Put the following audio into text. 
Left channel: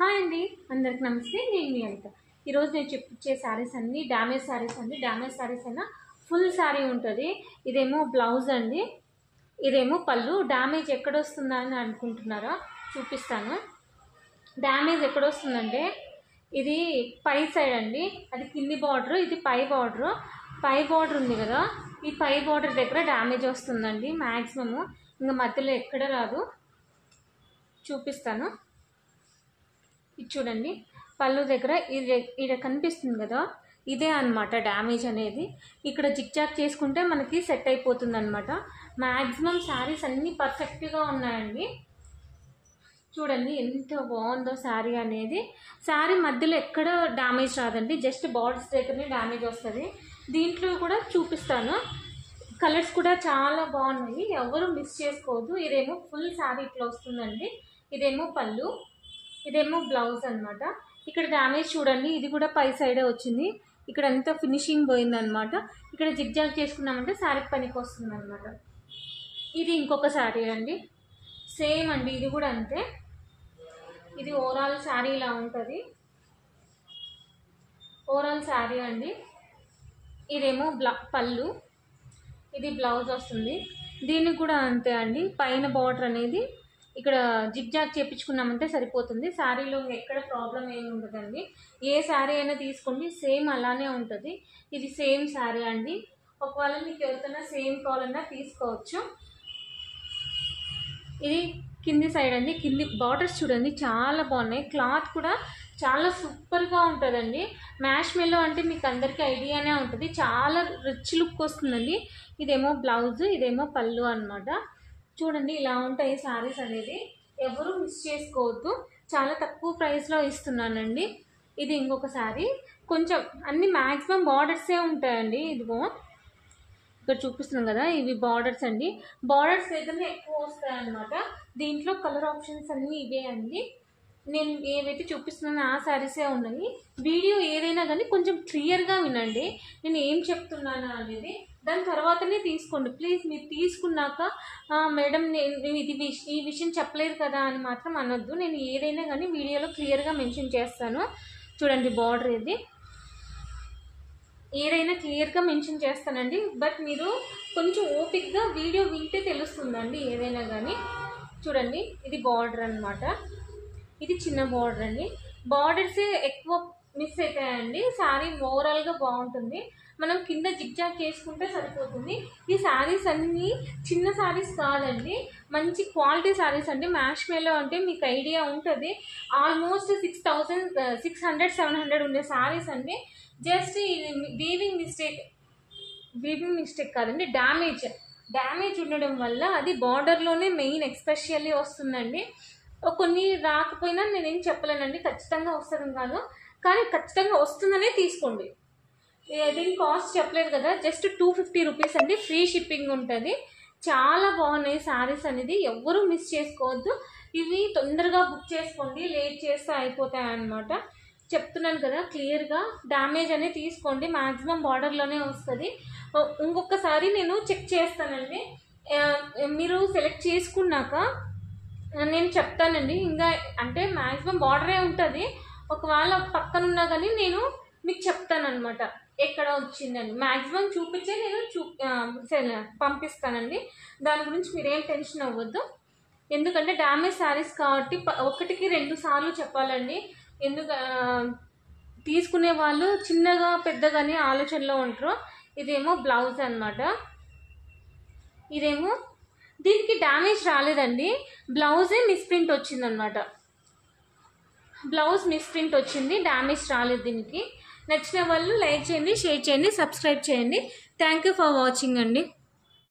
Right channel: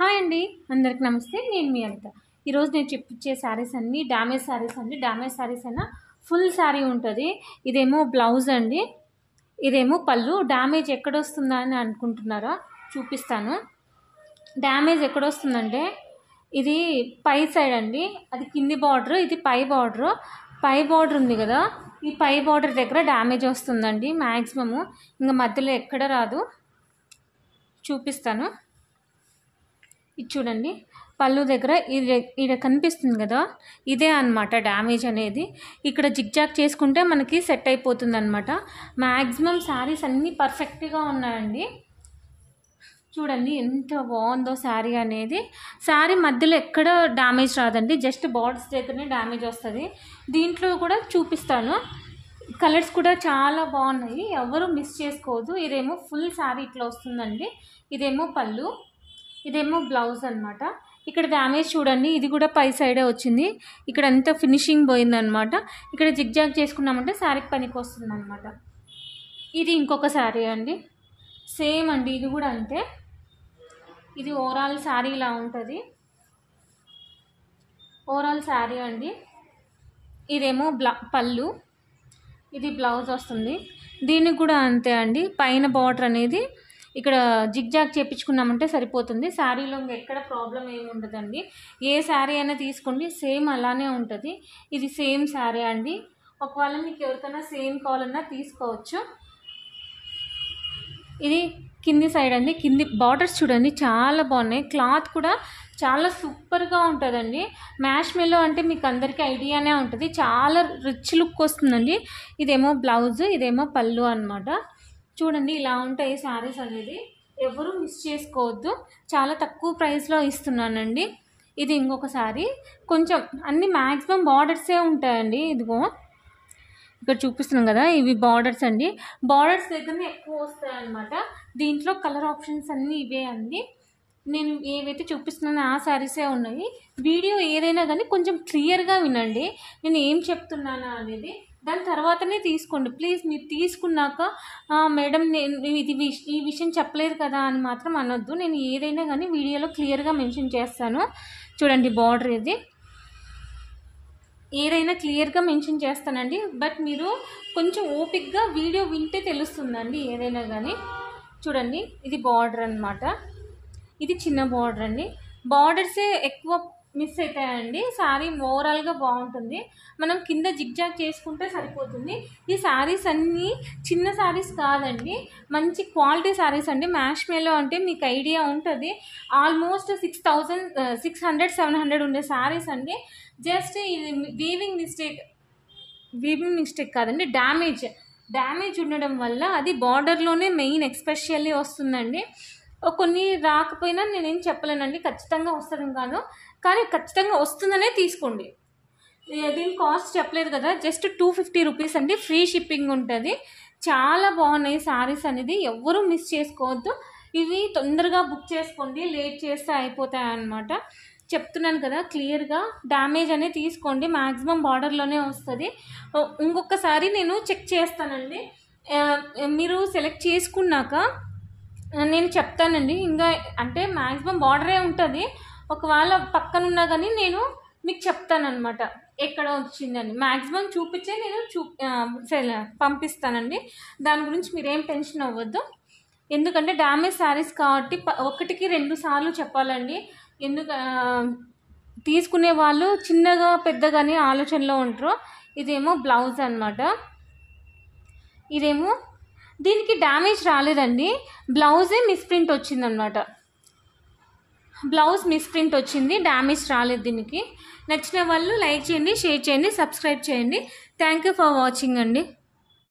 Hi అండి, అందరికి నమస్తే. నేను మీ అనిత. ఈరోజు నేను చూపించే శారీస్ అన్నీ డ్యామేజ్ శారీస్ అండి. డ్యామేజ్ శారీస్ అయినా ఫుల్ శారీ ఉంటుంది. ఇదేమో బ్లౌజ్ అండి, ఇదేమో పళ్ళు. డ్యామేజ్ ఎక్కడొస్తుందా అని అనుకుంటున్నారా? చూపిస్తాను. డ్యామేజ్ ఎక్కడొస్తుందంటే ఇది పై సైడ్ అండి, అది కింది బార్డర్, ఇది పై బార్డర్. పై బార్డర్ ఉంది కదా, ఈ పై బార్డర్ దగ్గర డ్యామేజ్ వస్తుందండి మ్యాక్సిమము. ఇంకా మధ్యలో ఎక్కడ రాదు. చూపిస్తాను. ఇది చూడండి, పళ్ళు దగ్గర ఇది కనిపిస్తుంది కదా, ఇదే అనమాట డ్యామేజ్ అనేది. ఇక్కడ జిగ్జాగ్ చేసుకుంటే మనకి సెట్ అయిపోతుంది అనమాట. మ్యాక్సిమం శారీస్ అన్నీ పర్ఫెక్ట్గా ఉన్నాయండి. చూడండి ఎంత బాగుందో శారీ అనేది. శారీ మధ్యలో ఎక్కడ డ్యామేజ్ రాదండి, జస్ట్ బార్డర్స్ దగ్గరనే డ్యామేజ్ వస్తుంది. దీంట్లో కూడా చూపిస్తాను. కలర్స్ కూడా చాలా బాగున్నాయి, ఎవరు మిస్ చేసుకోవద్దు. ఇదేమో ఫుల్ శారీ ఇట్లా వస్తుందండి. ఇదేమో పళ్ళు, ఇదేమో బ్లౌజ్ అనమాట. ఇక్కడ డ్యామేజ్ చూడండి, ఇది కూడా పై సైడే వచ్చింది. ఇక్కడ అంతా ఫినిషింగ్ పోయిందనమాట. ఇక్కడ జిగ్జాగ్ చేసుకున్నామంటే శారీకి పనికి వస్తుంది అనమాట. ఇది ఇంకొక శారీ అండి, సేమ్ అండి. ఇది కూడా అంతే. ఇది ఓవరాల్ శారీ ఇలా ఉంటుంది. ఓవరాల్ శారీ అండి. ఇదేమో పళ్ళు, ఇది బ్లౌజ్ వస్తుంది. దీనికి కూడా అంతే అండి. పైన బార్డర్ అనేది ఇక్కడ జిగ్జాగ్ చేయించుకున్నామంటే సరిపోతుంది. శారీలో ఎక్కడ ప్రాబ్లం ఏమి ఉండదండి. ఏ శారీ అయినా తీసుకోండి, సేమ్ అలానే ఉంటుంది. ఇది సేమ్ శారీ అండి. ఒకవేళ మీకు ఎవరికైనా సేమ్ కావాలన్నా తీసుకోవచ్చు. ఇది కింది సైడ్ అండి. కింది బార్డర్స్ చూడండి చాలా బాగున్నాయి. క్లాత్ కూడా చాలా సూపర్గా ఉంటుందండి. మ్యాష్ మెల్లో అంటే మీకు అందరికీ ఐడియానే ఉంటుంది. చాలా రిచ్ లుక్ వస్తుందండి. ఇదేమో బ్లౌజ్, ఇదేమో పళ్ళు అనమాట. చూడండి ఇలా ఉంటాయి శారీస్ అనేది, ఎవరు మిస్ చేసుకోవద్దు. చాలా తక్కువ ప్రైస్లో ఇస్తున్నానండి. ఇది ఇంకొక శారీ. కొంచెం అన్ని మ్యాక్సిమం బార్డర్సే ఉంటాయండి. ఇదిగో ఇక్కడ చూపిస్తున్నాం కదా, ఇవి బార్డర్స్ అండి. బార్డర్స్ దగ్గరనే ఎక్కువ వస్తాయి అన్నమాట. దీంట్లో కలర్ ఆప్షన్స్ అన్నీ ఇవే అండి. నేను ఏవైతే చూపిస్తున్నానో ఆ శారీసే ఉన్నాయి. వీడియో ఏదైనా కానీ కొంచెం క్లియర్గా వినండి, నేను ఏం చెప్తున్నాను అనేది. దాని తర్వాతనే తీసుకోండి ప్లీజ్. మీరు తీసుకున్నాక మేడం నేను ఈ విషయం చెప్పలేదు కదా అని మాత్రం అనొద్దు. నేను ఏదైనా కానీ వీడియోలో క్లియర్గా మెన్షన్ చేస్తాను. చూడండి బార్డర్ ఇది, ఏదైనా క్లియర్గా మెన్షన్ చేస్తానండి. బట్ మీరు కొంచెం ఓపిక్గా వీడియో వింటే తెలుస్తుందండి ఏదైనా కానీ. చూడండి ఇది బార్డర్ అనమాట. ఇది చిన్న బార్డర్ అండి. బార్డర్సే ఎక్కువ మిస్ అవుతాయండి. శారీ ఓవరాల్గా బాగుంటుంది. మనం కింద జిగ్జాగ్ చేసుకుంటే సరిపోతుంది. ఈ శారీస్ అన్నీ చిన్న శారీస్ కాదండి, మంచి క్వాలిటీ శారీస్ అండి. మ్యాష్ మేలో అంటే మీకు ఐడియా ఉంటుంది. ఆల్మోస్ట్ 600-700 ఉండే శారీస్ అండి. జస్ట్ ఇది వీవింగ్ మిస్టేక్ కాదండి, డ్యామేజ్ ఉండడం వల్ల అది బార్డర్లోనే మెయిన్ ఎక్స్పెషల్లీ వస్తుందండి. కొన్ని రాకపోయినా నేనేం చెప్పలేనండి, ఖచ్చితంగా వస్తుంది కాను, కానీ ఖచ్చితంగా వస్తుందనే తీసుకోండి. దీని కాస్ట్ చెప్పలేదు కదా, జస్ట్ 250 రూపీస్ అండి. ఫ్రీ షిప్పింగ్ ఉంటుంది. చాలా బాగున్నాయి శారీస్ అనేది, ఎవ్వరూ మిస్ చేసుకోవద్దు. ఇవి తొందరగా బుక్ చేసుకోండి, లేట్ చేస్తే అయిపోతాయి అన్నమాట. చెప్తున్నాను కదా క్లియర్గా. డ్యామేజ్ అనేది తీసుకోండి, మ్యాక్సిమం బార్డర్లోనే వస్తుంది. ఇంకొకసారి నేను చెక్ చేస్తానండి. మీరు సెలెక్ట్ చేసుకున్నాక నేను చెప్తానండి. ఇంకా అంటే మ్యాక్సిమం బార్డరే ఉంటుంది. ఒకవేళ పక్కనున్నా కానీ నేను మీకు చెప్తానమాట ఎక్కడ వచ్చిందని. మ్యాక్సిమం చూపించే నేను పంపిస్తానండి. దాని గురించి మీరేం టెన్షన్ అవ్వద్దు. ఎందుకంటే డ్యామేజ్ శారీస్ కాబట్టి 1-2 సార్లు చెప్పాలండి. తీసుకునే వాళ్ళు చిన్నగా పెద్దగానే ఆలోచనలో ఉంటారు. ఇదేమో బ్లౌజ్ అనమాట. ఇదేమో దీనికి డ్యామేజ్ రాలేదండి, బ్లౌజే మిస్ప్రింట్ వచ్చిందనమాట. బ్లౌజ్ మిస్ప్రింట్ వచ్చింది, డ్యామేజ్ రాలేదు. దీనికి నచ్చిన వాళ్ళు లైక్ చేయండి, షేర్ చేయండి, సబ్స్క్రైబ్ చేయండి. థ్యాంక్ యూ ఫర్ వాచింగ్ అండి.